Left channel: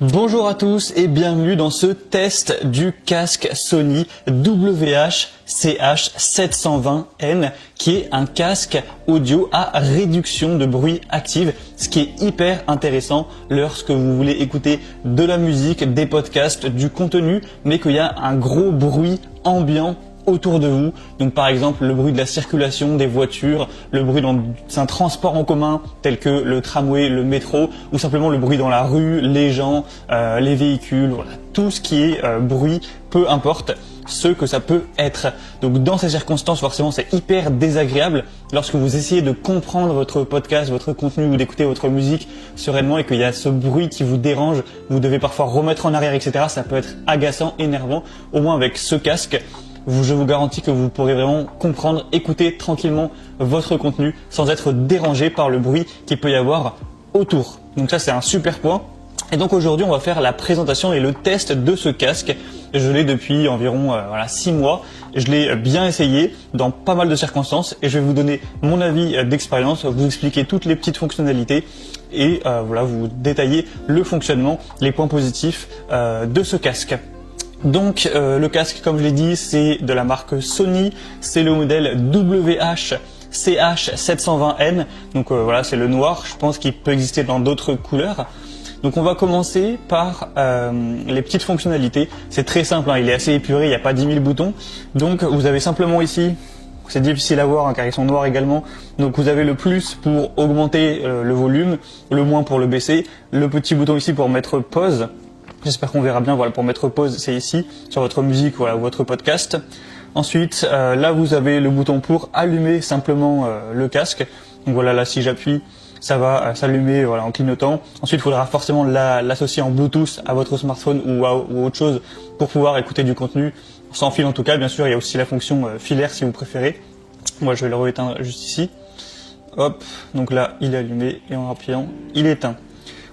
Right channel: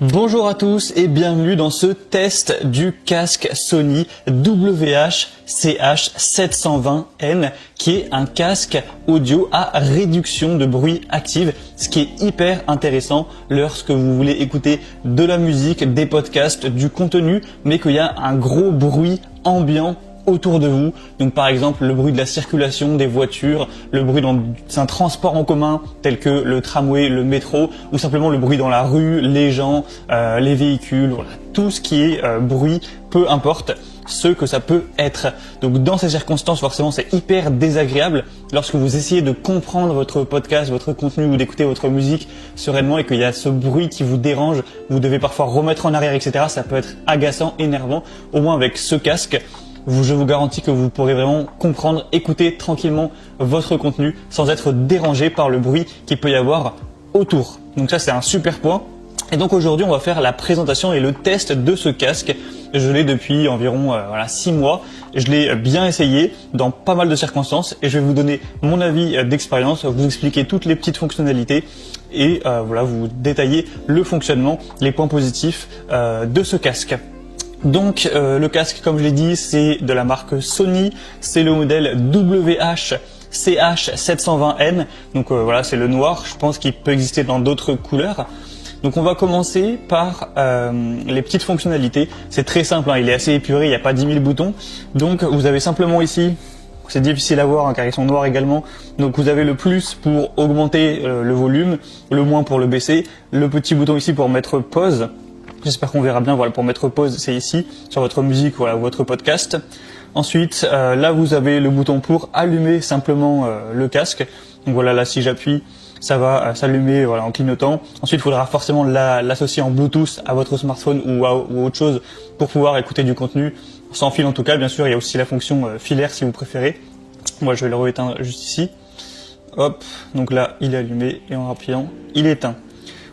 Bonjour à tous et bienvenue dans ce test du casque Sony WH-CH720N qui est un casque audio à réduction de bruit active, ce qui est hyper intéressant lorsque vous voulez écouter de la musique, des podcasts, du contenu, mais qu'il y a un gros bruit ambiant autour de vous. Donc par exemple le bruit de la circulation des voitures, le bruit d'un transport en commun tel que le tramway, le métro, ou simplement le bruit dans la rue, les gens, les véhicules, tout ce qui est bruit, peu importe ce que ça peut être. Donc dans ces circonstances, forcément c'est hyper désagréable lorsque vous essayez de comprendre votre podcast, votre contenu ou d'écouter votre musique sereinement et qu'il y a ce bruit qui vous dérange, vous devez parfois remettre en arrière, etc. Ça peut être agaçant, énervant. Au moins avec ce casque, je vous garantis que vous pourrez vraiment comprendre, écouter tranquillement votre contenu sans être dérangé par le bruit qu'il peut y avoir autour. Donc ça, c'est un super point. Et donc aujourd'hui, on va faire la présentation et le test de ce casque. Je l'ai depuis environ 6 mois. Je l'ai bien essayé dans pas mal de circonstances et je vais vous donner mon avis d'expérience, vous expliquer toutes les petites fonctionnalités et vous détailler le fonctionnement, les points positifs de ce casque. Donc le casque, comme je l'ai dit, c'est de la marque Sony, c'est le modèle WH-CH720N, donc c'est le noir, je pense qu'il peut exister dans d'autres couleurs. Donc on va commencer par les petites fonctionnalités, c'est très simple, il est assez épuré, il n'y a pas 10 000 boutons, donc vous avez simplement ici, c'est difficile à voir car ils sont noirs également, donc vous avez le plus pour augmenter le volume, le moins pour le baisser, le petit bouton ici pour mettre pause. J'espère qu'on verra bien, pour mettre pause, c'est ici, sur votre musique, ou votre podcast. Ensuite, là, vous avez le bouton pour allumer simplement le casque. Donc là, si j'appuie, ça va s'allumer en clignotant. Ensuite, il faudra forcément l'associer en Bluetooth à votre smartphone ou autre chose pour pouvoir écouter du contenu. Sans fil en tout cas, bien sûr, il y a aussi la fonction filaire si vous préférez. Moi, je vais le rééteindre juste ici. Hop, donc là, il est allumé et en appuyant, il est éteint.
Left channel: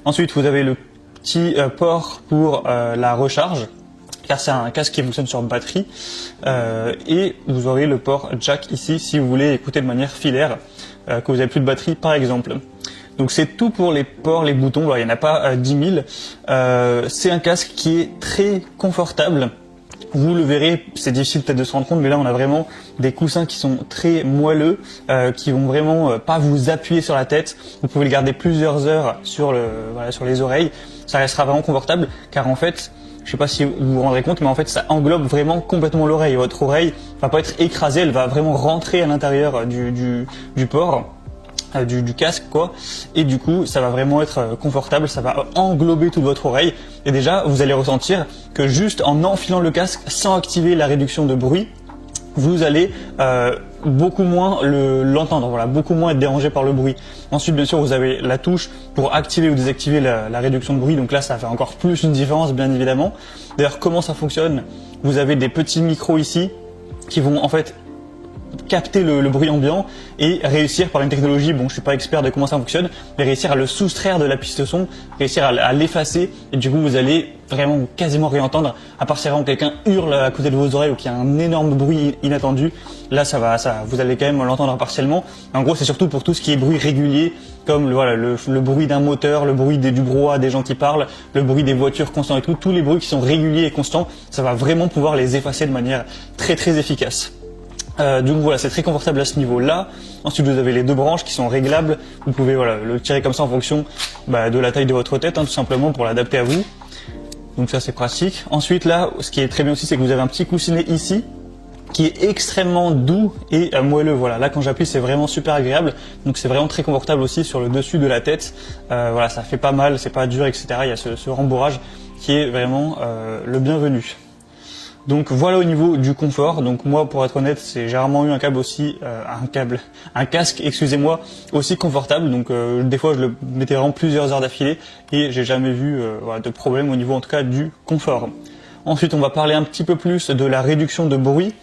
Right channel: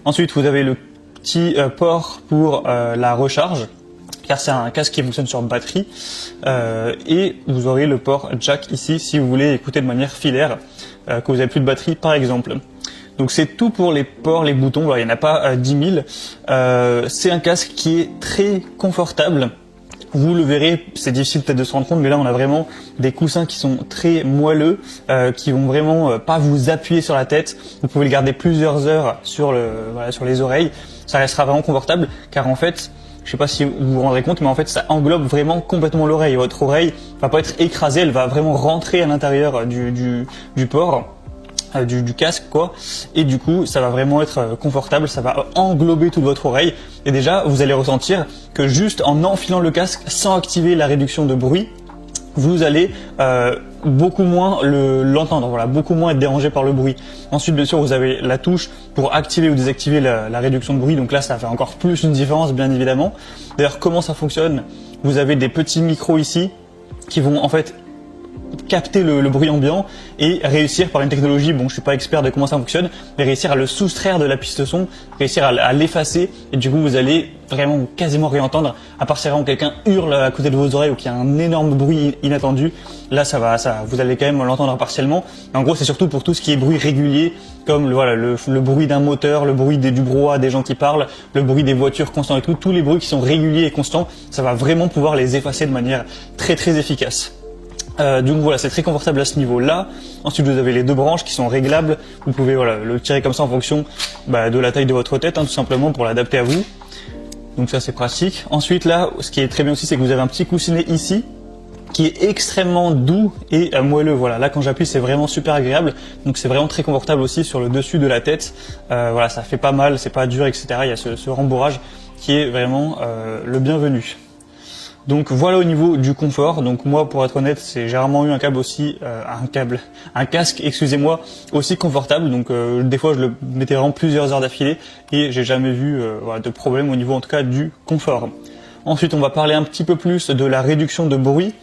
Ensuite, vous avez le petit port pour la recharge, car c'est un casque qui fonctionne sur batterie, et vous aurez le port jack ici si vous voulez écouter de manière filaire quand vous n'avez plus de batterie par exemple. Donc c'est tout pour les ports, les boutons, il n'y en a pas 10 000. C'est un casque qui est très confortable. Vous le verrez, c'est difficile peut-être de se rendre compte, mais là on a vraiment des coussins qui sont très moelleux, qui vont vraiment pas vous appuyer sur la tête. Vous pouvez le garder plusieurs heures sur les oreilles. Ça restera vraiment confortable, car en fait, je sais pas si vous vous rendrez compte, mais en fait ça englobe vraiment complètement l'oreille. Votre oreille va pas être écrasée, elle va vraiment rentrer à l'intérieur du port. Du casque et du coup ça va vraiment être confortable, ça va englober toute votre oreille et déjà vous allez ressentir que juste en enfilant le casque sans activer la réduction de bruit, vous allez beaucoup moins l'entendre, beaucoup moins être dérangé par le bruit. Ensuite bien sûr vous avez la touche pour activer ou désactiver la réduction de bruit, donc là ça fait encore plus une différence bien évidemment. D'ailleurs comment ça fonctionne, vous avez des petits micros ici qui vont en fait capter le bruit ambiant et réussir par une technologie, je suis pas expert de comment ça fonctionne, mais réussir à le soustraire de la piste son, réussir à l'effacer et du coup vous allez vraiment quasiment rien entendre, à part si vraiment quelqu'un hurle à côté de vos oreilles ou qu'il y a un énorme bruit inattendu. Là vous allez quand même l'entendre partiellement. En gros c'est surtout pour tout ce qui est bruit régulier, comme le bruit d'un moteur, le bruit du brouhaha des gens qui parlent, le bruit des voitures constants et tout, tous les bruits qui sont réguliers et constants, ça va vraiment pouvoir les effacer de manière très très efficace. Donc c'est très confortable à ce niveau-là. Ensuite vous avez les deux branches qui sont réglables. Vous pouvez le tirer comme ça en fonction de la taille de votre tête, tout simplement pour l'adapter à vous. Donc ça c'est pratique. Ensuite là, ce qui est très bien aussi, c'est que vous avez un petit coussinet ici qui est extrêmement doux et moelleux. Là quand j'appuie c'est vraiment super agréable. Donc c'est vraiment très confortable aussi sur le dessus de la tête. Ça fait pas mal, c'est pas dur, etc. Il y a ce rembourrage qui est vraiment le bienvenu. Donc voilà au niveau du confort. Donc moi pour être honnête, j'ai rarement eu un casque, aussi confortable. Donc des fois je le mettais vraiment plusieurs heures d'affilée et j'ai jamais vu de problème au niveau en tout cas du confort. Ensuite on va parler un petit peu plus de la réduction de bruit.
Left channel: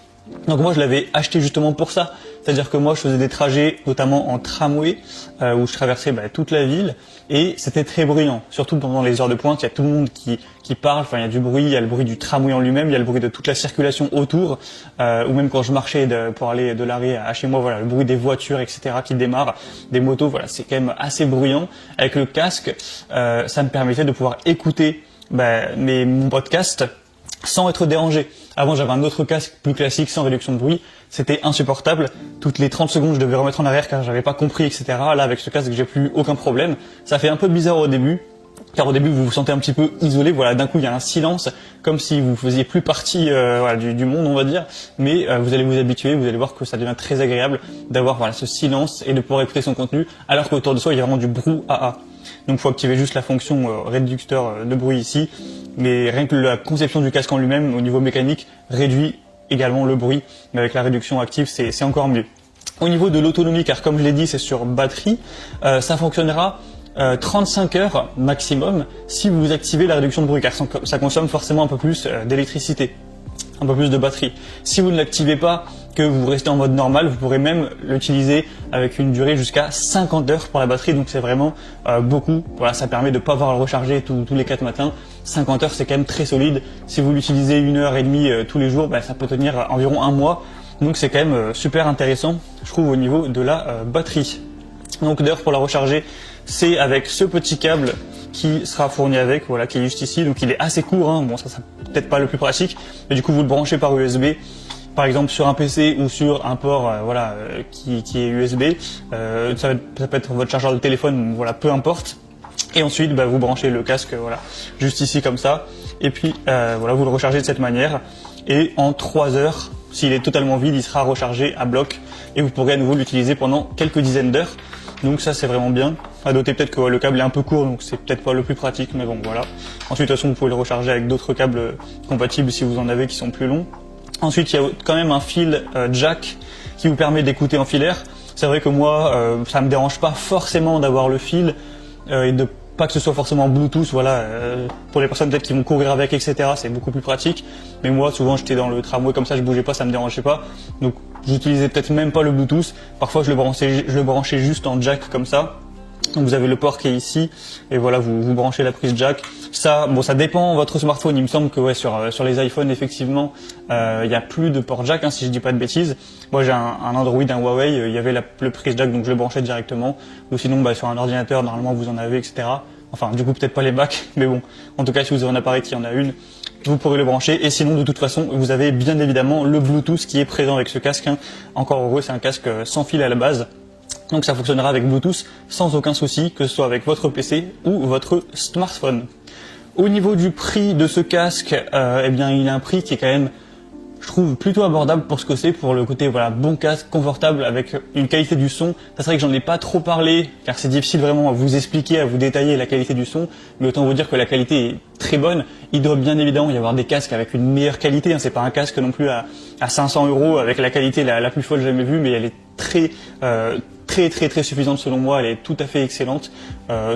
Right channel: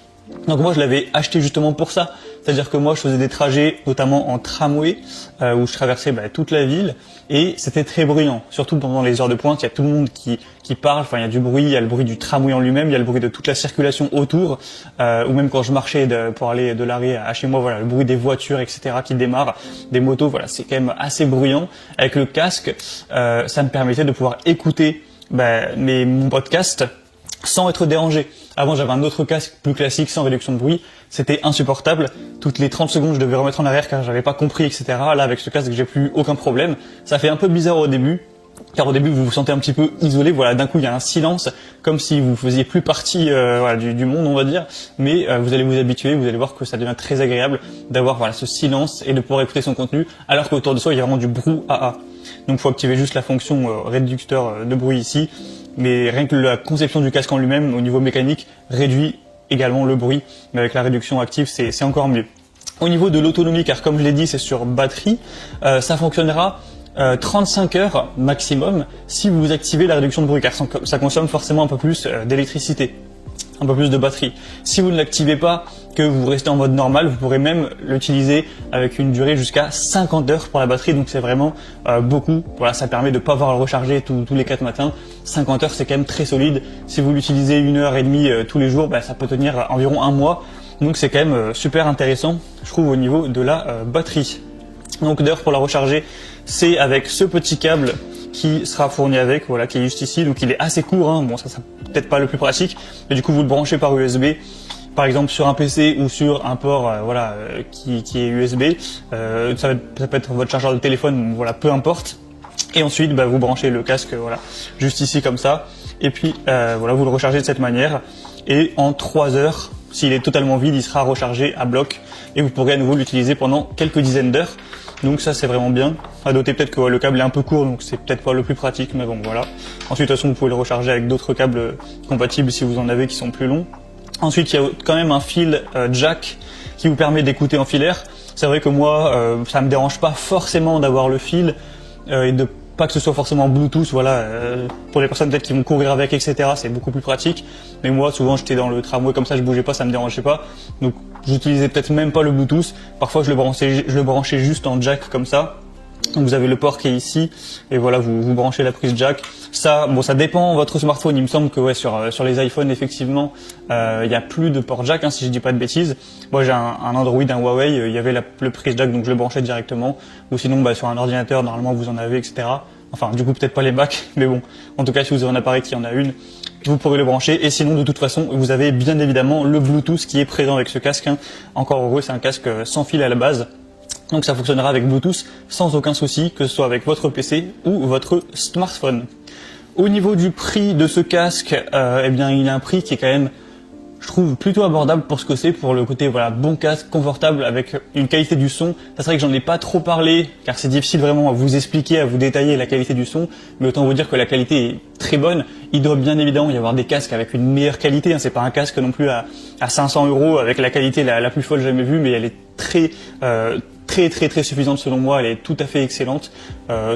Donc moi je l'avais acheté justement pour ça. C'est-à-dire que moi je faisais des trajets notamment en tramway où je traversais toute la ville et c'était très bruyant. Surtout pendant les heures de pointe, il y a tout le monde qui parle, il y a du bruit, il y a le bruit du tramway en lui-même, il y a le bruit de toute la circulation autour, ou même quand je marchais pour aller de l'arrêt à chez moi, le bruit des voitures, etc. qui démarrent, des motos, c'est quand même assez bruyant. Avec le casque, ça me permettait de pouvoir écouter mon podcast sans être dérangé. Avant, j'avais un autre casque plus classique sans réduction de bruit. C'était insupportable. Toutes les 30 secondes, je devais remettre en arrière car j'avais pas compris, etc. Là, avec ce casque, j'ai plus aucun problème. Ça fait un peu bizarre au début. Car au début, vous vous sentez un petit peu isolé. Voilà, d'un coup, il y a un silence, comme si vous faisiez plus partie du monde, on va dire. Mais vous allez vous habituer, vous allez voir que ça devient très agréable d'avoir ce silence et de pouvoir écouter son contenu, alors qu'autour de soi, il y a vraiment du brouhaha. Donc, il faut activer juste la fonction réducteur de bruit ici. Mais rien que la conception du casque en lui-même, au niveau mécanique, réduit également le bruit. Mais avec la réduction active, c'est encore mieux. Au niveau de l'autonomie, car comme je l'ai dit, c'est sur batterie, ça fonctionnera 35 heures maximum si vous activez la réduction de bruit, car ça consomme forcément un peu plus d'électricité, un peu plus de batterie. Si vous ne l'activez pas, que vous restez en mode normal, vous pourrez même l'utiliser avec une durée jusqu'à 50 heures pour la batterie, donc c'est vraiment beaucoup. Voilà, ça permet de ne pas avoir à le recharger tous les 4 matins. 50 heures, c'est quand même très solide. Si vous l'utilisez 1h30 tous les jours, ça peut tenir environ un mois. Donc c'est quand même super intéressant, je trouve, au niveau de la batterie. Donc d'ailleurs, pour la recharger, c'est avec ce petit câble qui sera fourni avec, voilà, qui est juste ici. Donc il est assez court, hein. Bon, ça peut-être pas le plus pratique, mais du coup vous le branchez par USB, par exemple sur un PC ou sur un port qui est USB. Ça peut être votre chargeur de téléphone, voilà, peu importe. Et ensuite, vous branchez le casque, voilà, juste ici comme ça. Et puis voilà, vous le rechargez de cette manière. Et en 3 heures, s'il est totalement vide, il sera rechargé à bloc et vous pourrez à nouveau l'utiliser pendant quelques dizaines d'heures. Donc ça, c'est vraiment bien. À noter peut-être que le câble est un peu court, donc c'est peut-être pas le plus pratique, mais bon, voilà. Ensuite, de toute façon, vous pouvez le recharger avec d'autres câbles compatibles si vous en avez qui sont plus longs. Ensuite, il y a quand même un fil jack qui vous permet d'écouter en filaire. C'est vrai que moi, ça me dérange pas forcément d'avoir le fil et de pas que ce soit forcément Bluetooth, voilà, pour les personnes peut-être qui vont courir avec, etc., c'est beaucoup plus pratique. Mais moi, souvent, j'étais dans le tramway comme ça, je bougeais pas, ça me dérangeait pas. Donc, j'utilisais peut-être même pas le Bluetooth. Parfois, je le branchais juste en jack comme ça. Donc, vous avez le port qui est ici, et voilà, vous branchez la prise jack. Ça, bon, ça dépend de votre smartphone. Il me semble que ouais, sur les iPhones, effectivement, il y a plus de port jack, hein, si je dis pas de bêtises. Moi, j'ai un Android, un Huawei, il y avait le prise jack, donc je le branchais directement. Ou sinon, sur un ordinateur, normalement, vous en avez, etc. Enfin, du coup, peut-être pas les Mac, mais bon. En tout cas, si vous avez un appareil qui en a une, vous pourrez le brancher. Et sinon, de toute façon, vous avez bien évidemment le Bluetooth qui est présent avec ce casque, hein. Encore heureux, c'est un casque sans fil à la base. Donc ça fonctionnera avec Bluetooth sans aucun souci, que ce soit avec votre PC ou votre smartphone. Au niveau du prix de ce casque, il a un prix qui est quand même, je trouve, plutôt abordable pour ce que c'est, pour le côté bon casque, confortable, avec une qualité du son. C'est vrai que j'en ai pas trop parlé, car c'est difficile vraiment à vous expliquer, à vous détailler la qualité du son, mais autant vous dire que la qualité est très bonne. Il doit bien évidemment y avoir des casques avec une meilleure qualité, hein. C'est pas un casque non plus à 500 € avec la qualité la plus folle jamais vue, mais elle est très suffisante selon moi, elle est tout à fait excellente,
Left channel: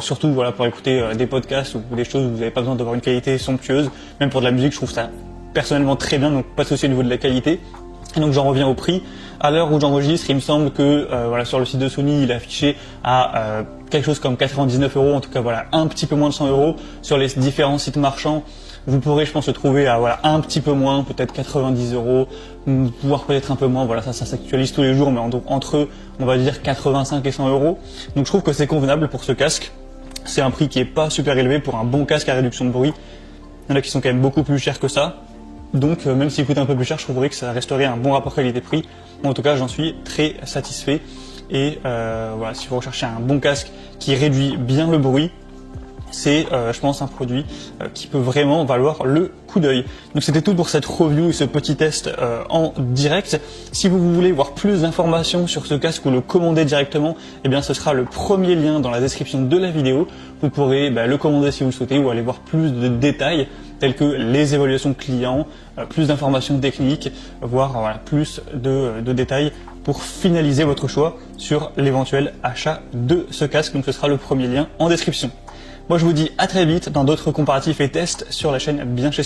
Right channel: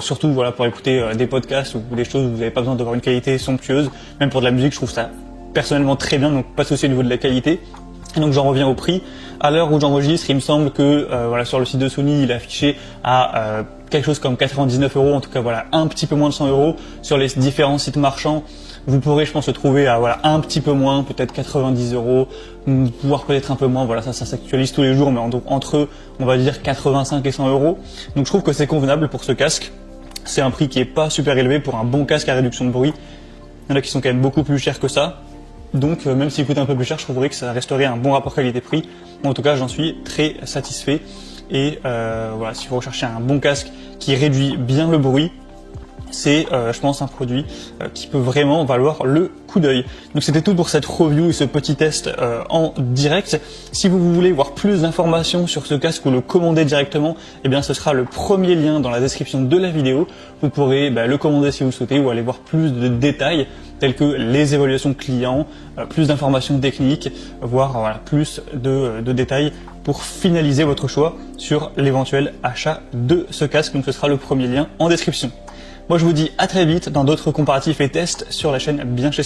surtout pour écouter des podcasts ou des choses où vous n'avez pas besoin d'avoir une qualité somptueuse. Même pour de la musique, je trouve ça personnellement très bien, donc pas de souci au niveau de la qualité. Et donc j'en reviens au prix. À l'heure où j'enregistre, il me semble que sur le site de Sony, il est affiché à quelque chose comme 99 €, en tout cas un petit peu moins de 100 € sur les différents sites marchands. Vous pourrez, je pense, le trouver à un petit peu moins, peut-être 90 €, voire peut-être un peu moins. Voilà, ça s'actualise tous les jours, mais entre eux, on va dire 85 et 100 €. Donc je trouve que c'est convenable pour ce casque. C'est un prix qui est pas super élevé pour un bon casque à réduction de bruit. Il y en a qui sont quand même beaucoup plus chers que ça. Donc même s'il coûte un peu plus cher, je trouverais que ça resterait un bon rapport qualité-prix. En tout cas, j'en suis très satisfait. Et si vous recherchez un bon casque qui réduit bien le bruit, c'est, je pense, un produit qui peut vraiment valoir le coup d'œil. Donc c'était tout pour cette review et ce petit test en direct. Si vous voulez voir plus d'informations sur ce casque ou le commander directement, ça sera le premier lien dans la description de la vidéo. Vous pourrez le commander si vous le souhaitez ou aller voir plus de détails tels que les évaluations clients, plus d'informations techniques, voire plus de détails pour finaliser votre choix sur l'éventuel achat de ce casque. Donc ce sera le premier lien en description. Moi, je vous dis à très vite dans d'autres comparatifs et tests sur la chaîne Bien Chez